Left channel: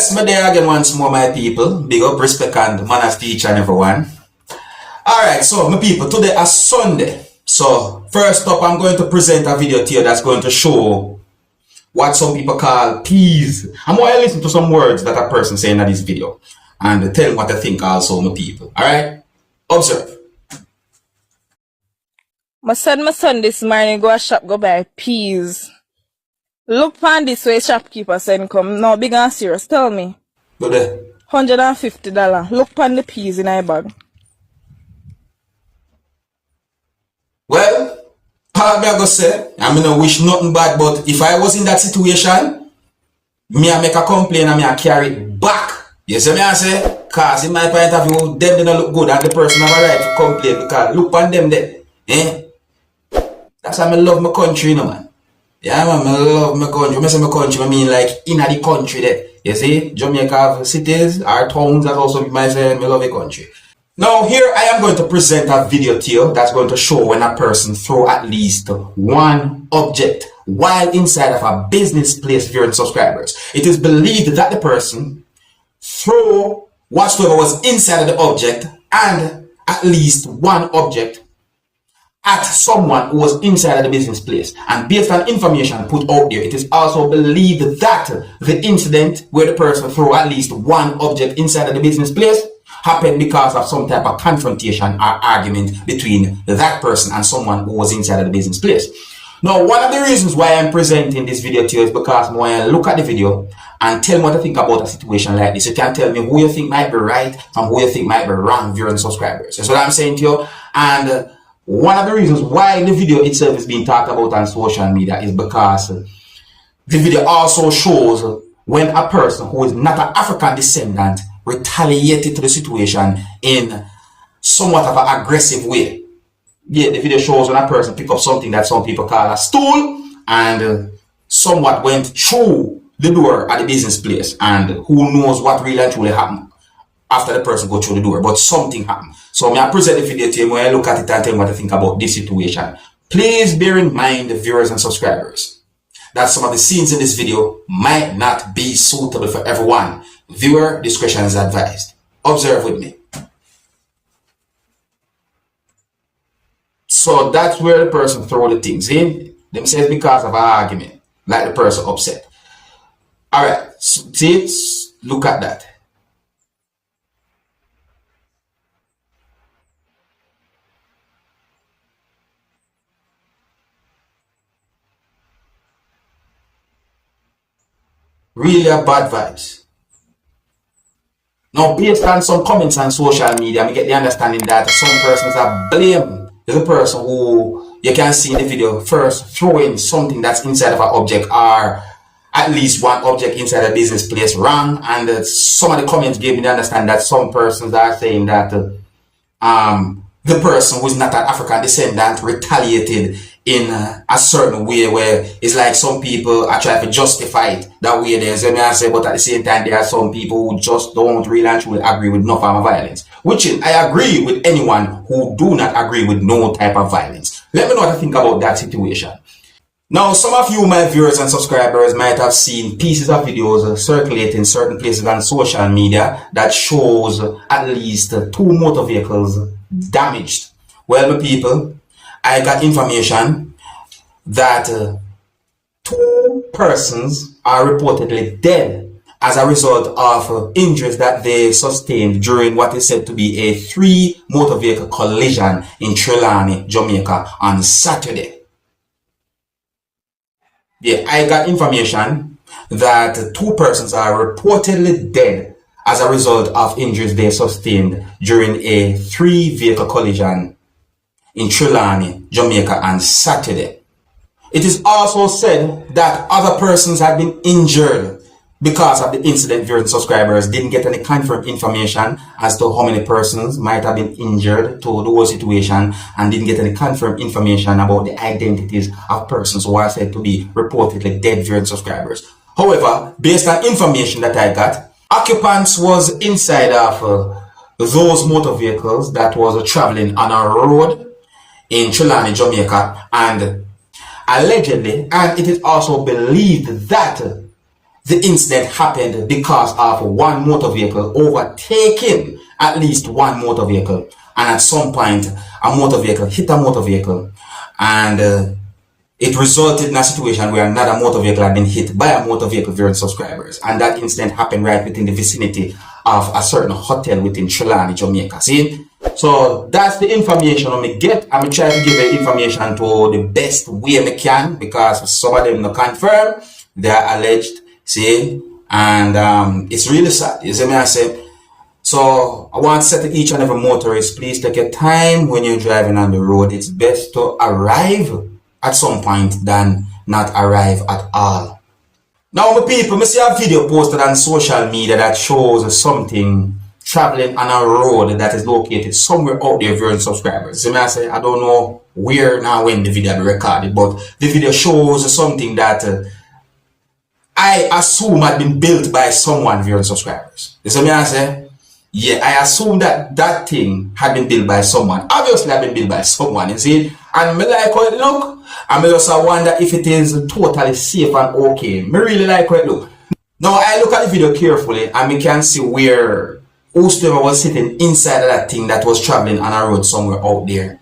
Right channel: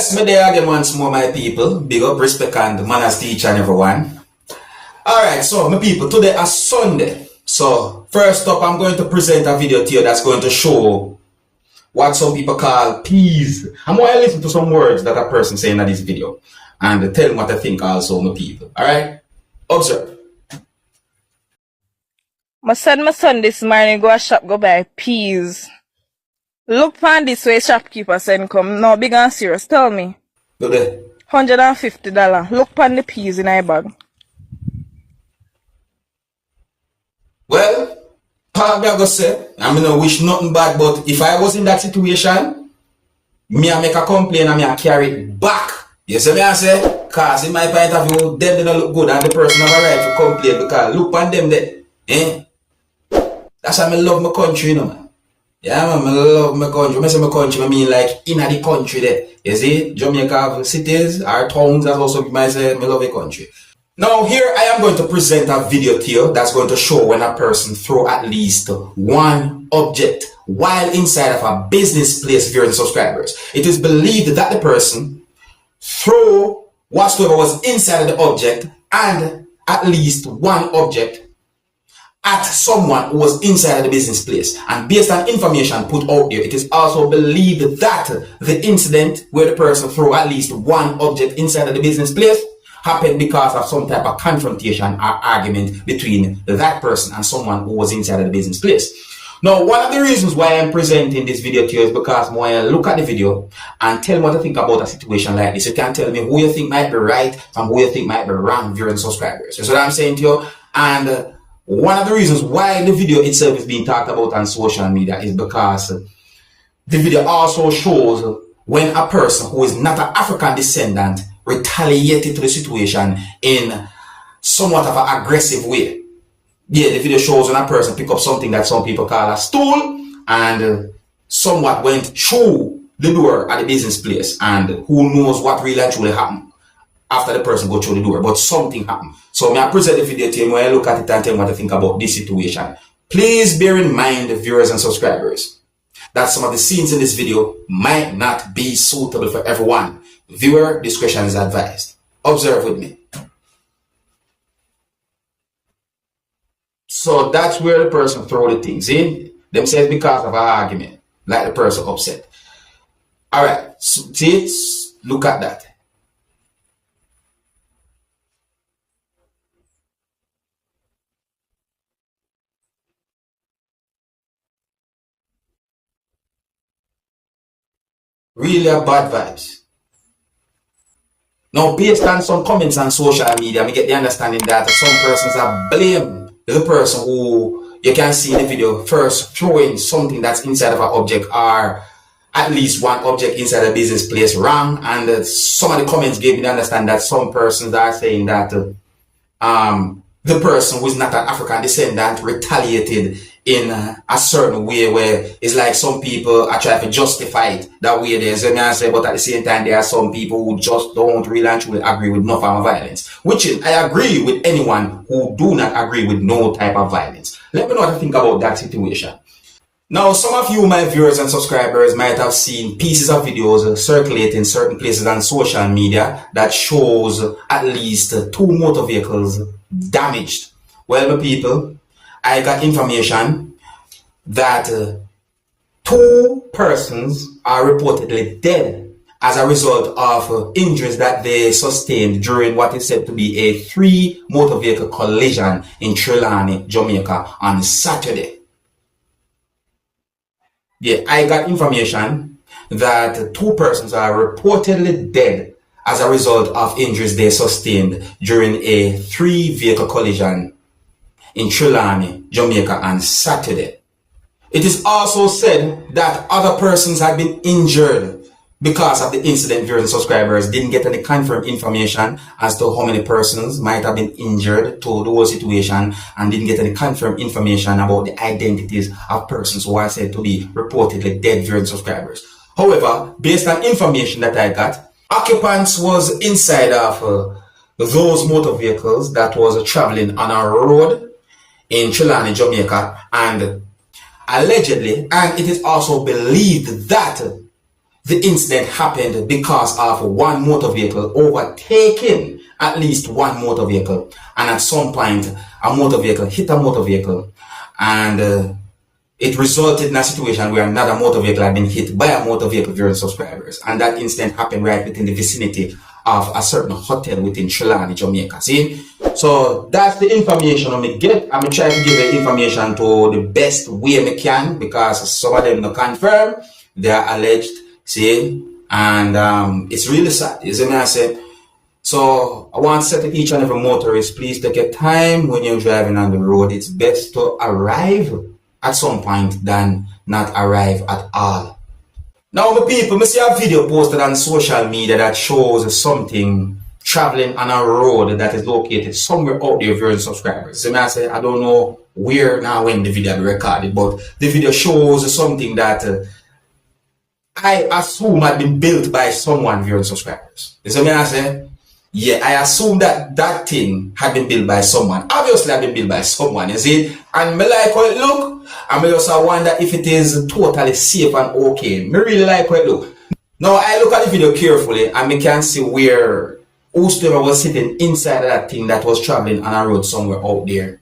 Yes, me there again once more, my people. Big up, respect, and manners to each and everyone. Alright, so my people, today is Sunday. So, first up, I'm going to present a video to you that's going to show what some people call peas. I'm going to listen to some words that a person saying in this video and tell them what I think also, my people. Alright? Observe. I said my son this morning go a shop go buy peas. Look on this way shopkeeper said come. No, big and serious. Tell me. Go there. $150. Look on the peas in my bag. Well, part me I go say, I mean, I wish nothing bad, but if I was in that situation, me I make a complaint and me I carry it back. You see me I say? Cause in my point of view, them they don't look good and the person have a right to complain because look on them there. Eh? That's why I love my country, you know, man. Yeah, man, I love my country. When I say my country, I mean like in the country there. You see, Jamaica have cities, our towns, that's also might say I love the country. Now here I am going to present a video to you that's going to show when a person throw at least one object while inside of a business place viewing subscribers. It is believed that the person throw whatsoever was inside of the object and at least one object at someone who was inside of the business place. And based on information put out there, it is also believed that the incident where the person threw at least one object inside of the business place happened because of some type of confrontation or argument between that person and someone who was inside of the business place. Now, one of the reasons why I'm presenting this video to you is because when I look at the video and tell me what to think about a situation like this, you can tell me who you think might be right from who you think might be wrong viewing subscribers. That's what I'm saying to you. And one of the reasons why the video itself is being talked about on social media is because the video also shows when a person who is not an African descendant retaliated to the situation in somewhat of an aggressive way. Yeah, the video shows when a person pick up something that some people call a stool and somewhat went through the door at the business place, and who knows what really and truly happened after the person go through the door, but something happened. So I present the video to you when I look at it and tell you what I think about this situation. Please bear in mind, viewers and subscribers, that some of the scenes in this video might not be suitable for everyone. Viewer discretion is advised. Observe with me. So that's where the person throw the things in. Them says because of an argument, like the person upset. Alright, so see, look at that. Really a bad vibes. Now, based on some comments on social media, we get the understanding that some persons are blame the person who you can see in the video first throwing something that's inside of an object or at least one object inside a business place wrong. And some of the comments gave me the understanding that some persons are saying that the person who is not an African descendant retaliated in a certain way where it's like some people are trying to justify it that way there. So I say, but at the same time, there are some people who just don't really and truly agree with no form of violence. Which is, I agree with anyone who do not agree with no type of violence. Let me know what you think about that situation. Now, some of you, my viewers and subscribers, might have seen pieces of videos circulating certain places on social media that shows at least 2 motor vehicles damaged. Well, my people, I got information that 2 persons are reportedly dead as a result of injuries that they sustained during what is said to be a 3 motor vehicle collision in Trelawney, Jamaica on Saturday. Yeah, I got information that 2 persons are reportedly dead as a result of injuries they sustained during a 3 vehicle collision in Trelawney, Jamaica on Saturday. It is also said that other persons have been injured because of the incident. Viewers and subscribers didn't get any confirmed information as to how many persons might have been injured to the whole situation, and didn't get any confirmed information about the identities of persons who are said to be reportedly dead. Viewers and subscribers. However, based on information that I got, occupants was inside of those motor vehicles that was traveling on a road in Trelawney, Jamaica, and allegedly, and it is also believed that the incident happened because of one motor vehicle overtaking at least one motor vehicle, and at some point a motor vehicle hit a motor vehicle, and it resulted in a situation where another motor vehicle had been hit by a motor vehicle, viewers and subscribers, and that incident happened right within the vicinity of a certain hotel within Trelawny, Jamaica. See? So that's the information I get. I'm trying to give the information to the best way I can, because some of them not confirm, they are alleged, see, and it's really sad. You see me I say? So I want to say to each and every motorist, please take your time when you're driving on the road. It's best to arrive at some point than not arrive at all. Now, my people, I see a video posted on social media that shows something traveling on a road that is located somewhere out there, viewers and subscribers. So I say, I don't know where now when the video be recorded, but the video shows something that I assume had been built by someone, viewers and subscribers. You see me I say? Yeah, I assume that that thing had been built by someone. Obviously, had been built by someone, you see? And me like how it look, and me also wonder if it is totally safe and okay. Me really like how it look. Now, I look at the video carefully, and me can see where whosoever was sitting inside of that thing that was traveling on a road somewhere out there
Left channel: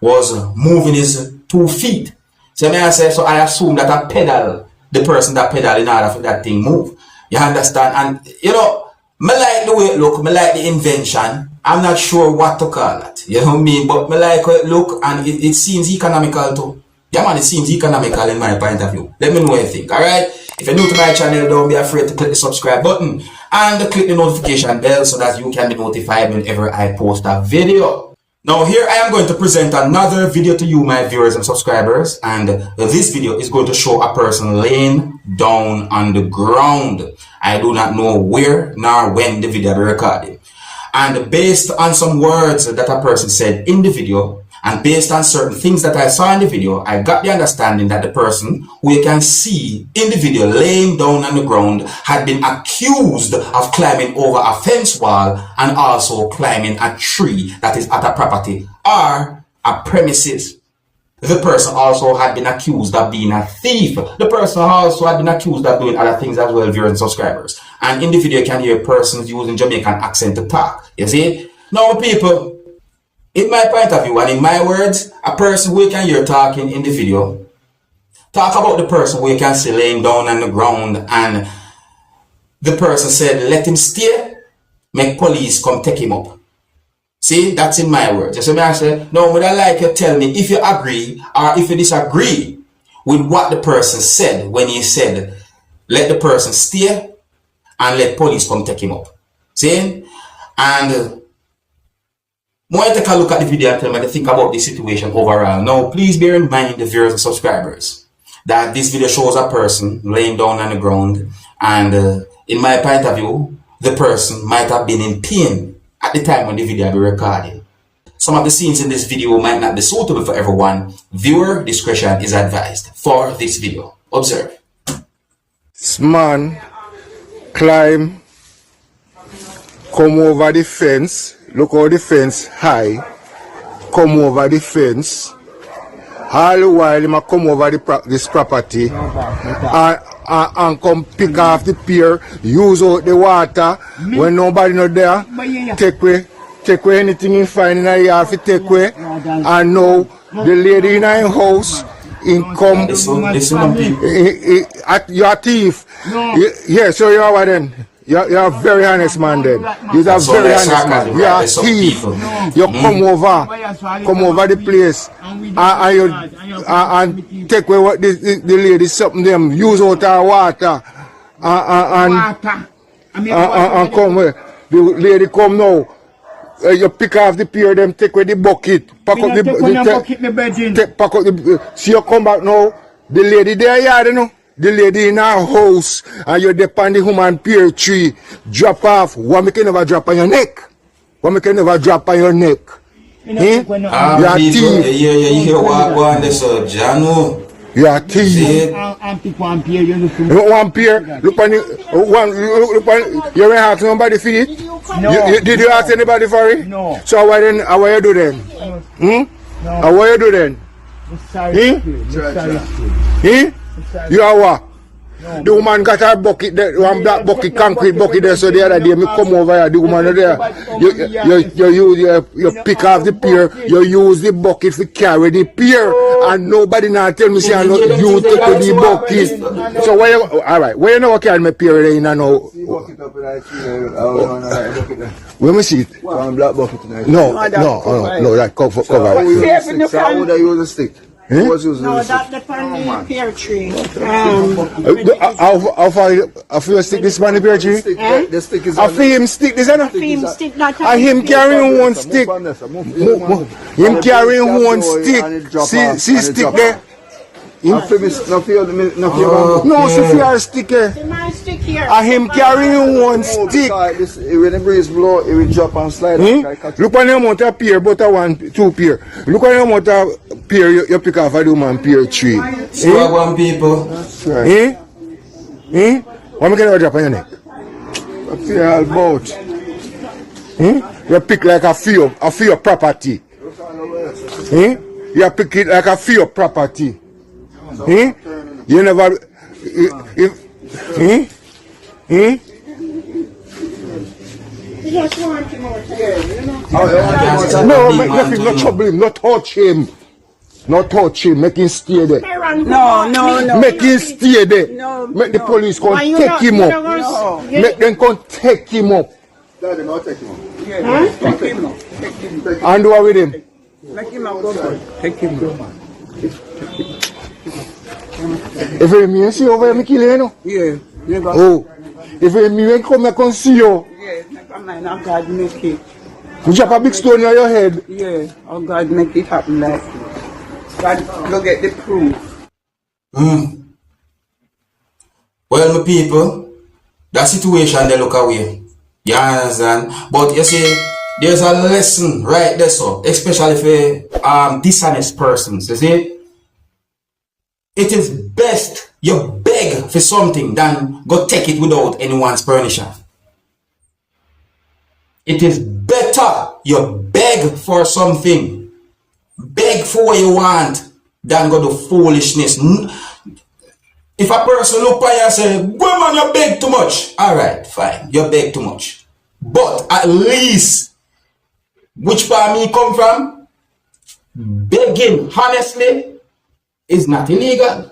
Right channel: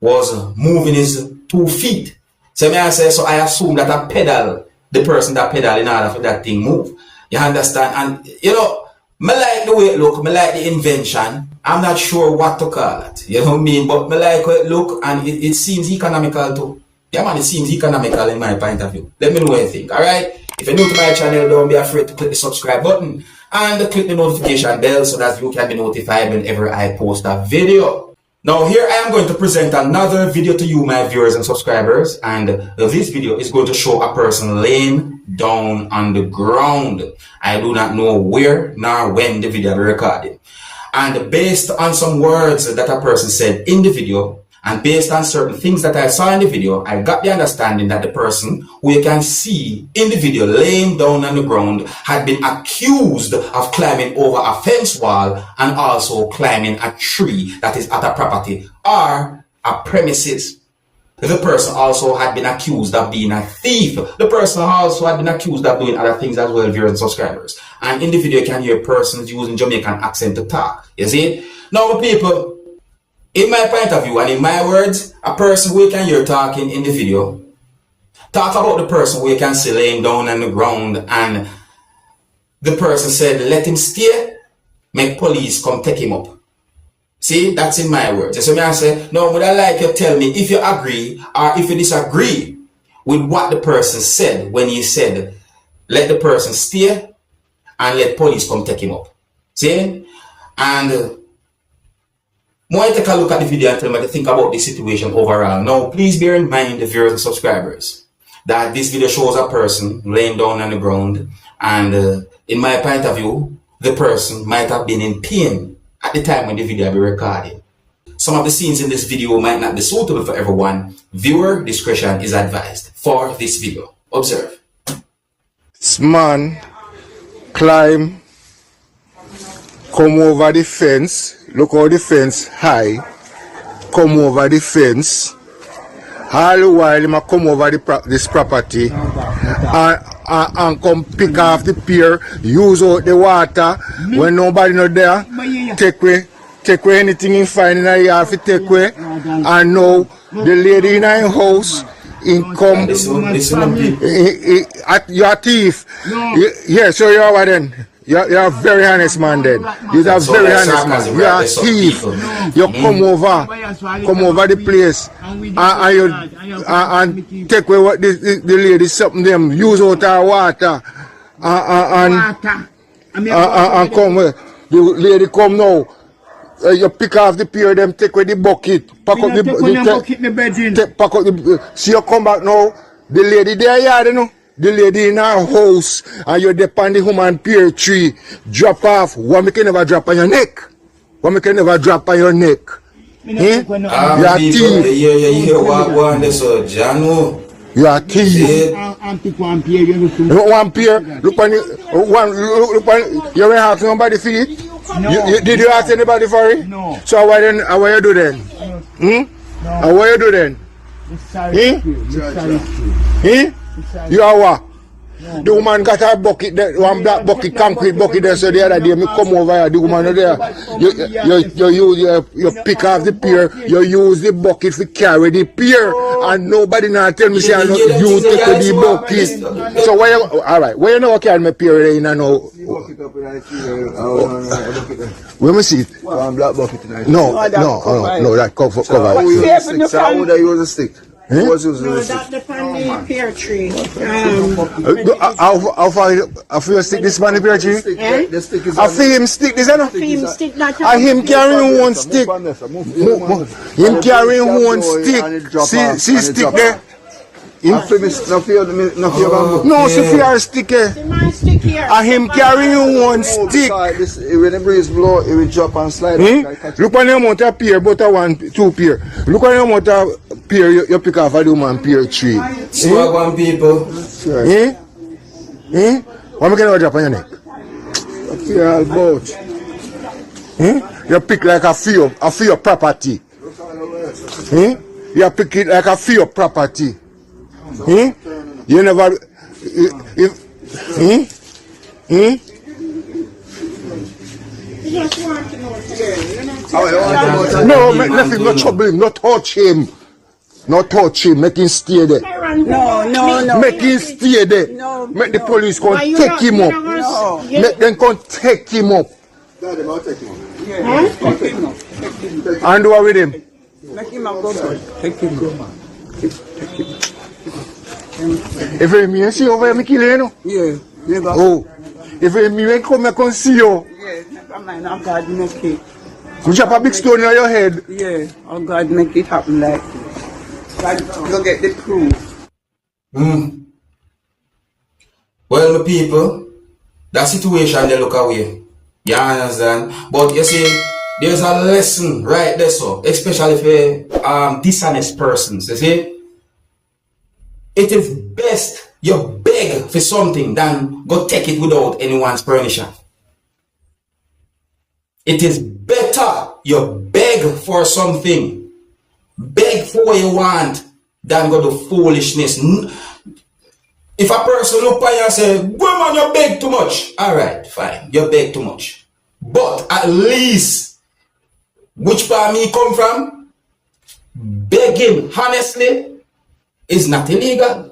was moving his 2 feet. So me I say, so I assume that I pedal, the person that pedal in order for that thing move. You understand? And, you know, me like the way it look, me like the invention. I'm not sure what to call it. You know what I mean? But me like how it look, and it seems economical too. Yeah man, it seems economical in my point of view. Let me know what you think, alright? If you're new to my channel, don't be afraid to click the subscribe button and click the notification bell so that you can be notified whenever I post a video. Now here I am going to present another video to you, my viewers and subscribers, and this video is going to show a person laying down on the ground. I do not know where nor when the video will be recorded. And based on some words that a person said in the video, and based on certain things that I saw in the video, I got the understanding that the person who you can see in the video laying down on the ground had been accused of climbing over a fence wall and also climbing a tree that is at a property or a premises. The person also had been accused of being a thief. The person also had been accused of doing other things as well, viewers and subscribers. And in the video, you can hear persons using Jamaican accent to talk. You see? Now, people, in my point of view and in my words, a person who you can hear talking in the video, talk about the person who you can see laying down on the ground, and the person said, let him stay, make police come take him up. See, that's in my words. You see me I say, no, would I like you to tell me if you agree or if you disagree with what the person said when he said, let the person stay and let police come take him up. See? And when I take a look at the video and tell me to think about the situation overall. Now, please bear in mind, the viewers and subscribers, that this video shows a person laying down on the ground, and in my point of view, the person might have been in pain at the time when the video be recorded. Some of the scenes in this video might not be suitable for everyone. Viewer discretion is advised for this video. Observe. This man climb, come over the fence. Look how the fence high. Come over the fence. All the while, he might come over this property and come pick off the pier, use out the water when nobody not there. Take away anything in find in the yard, take away. And now the lady in her house, in come. You're a thief. Yeah, so you are what then? You're a very honest man then. You're a very honest man. You're a thief. You come over the place and take away what the lady something them use out our water and come where the lady come now. You pick off the pier, them take away the bucket, pack up the bucket, pack up the. See you come back now. The lady there, yeah, you know. The lady in our house, and you're depend the human pear tree, drop off. What make you never drop on your neck? What make you never drop on your neck? You're a thief. You're a thief. One pear. Look on you. You will have somebody for it? No. Did you ask anybody for it? No. So what you do then? No. What you do then? You are what? The woman got her bucket, one black bucket, concrete bucket there. So the other day, me come over here, the woman there. You pick off the pier, you use the bucket to carry the pier, and nobody now tell me say you take the bucket. So why you, alright, why you never carry my pier in and now? Let me see. Black bucket tonight. No, that cover. I would have used a stick. Was using No, a stick. that depends on the pear tree. How far you stick this man the pear tree? The stick is I feel him stick this, no? Film stick that. And him carrying one stick. Him carrying one stick. See stick there? No, see fear stick there. The man stick here. And him carrying one stick. When the breeze blow, it will drop and slide. Look on the amount of pear, but two pear. Look on the amount of pear you pick off a woman pear tree. One people. What am I going to drop on your neck? You pick like a few property. You pick it like a few property. You never. No, make nothing, not trouble him, not touch him. Not touch him, make him stay there. No. Make him stay there. No, make the police come take him up. No. Make them come take him up. Daddy, I'll take him up. Huh? And what with him? Make him a go. Take him up. If you see over here, me kill you, no? Yeah. Oh. If you come, I can see you. Yeah. I'm like, oh God, make it. You drop a big stone on your head. Yeah. Oh God, make it happen like that. God, go get the proof. Well, my people, that situation they look away. You understand? But you see, there's a lesson right there, so especially for dishonest persons. You see, it is best you beg for something than go take it without anyone's permission. It is better you beg for something, beg for what you want, than go to foolishness. If a person look at you and say, woman, you beg too much. Alright, fine, you beg too much. But at least, which part me come from, begging honestly is not illegal.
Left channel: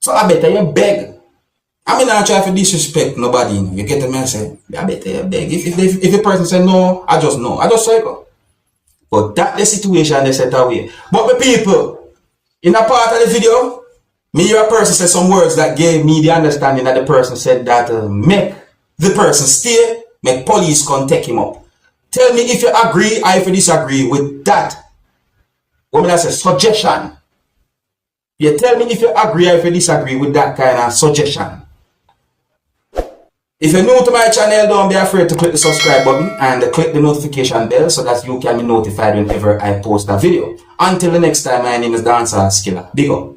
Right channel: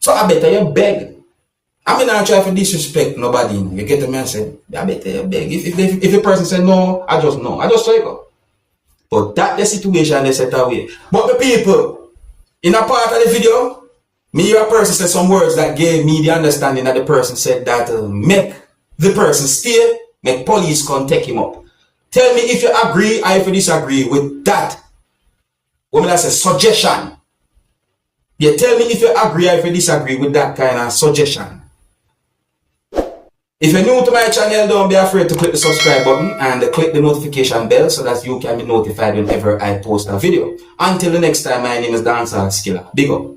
So I better you beg. I mean, I try to disrespect nobody. You get me? I say, I better you beg. If a person say no, I just no. I just say go. But that the situation they set away. But the people, in a part of the video, me hear a person say some words that gave me the understanding that the person said that make the person stay, make police come take him up. Tell me if you agree or if you disagree with that. What I say, suggestion. You tell me if you agree or if you disagree with that kind of suggestion. If you're new to my channel, don't be afraid to click the subscribe button and click the notification bell so that you can be notified whenever I post a video. Until the next time, my name is Dancehall Skilla. Big up.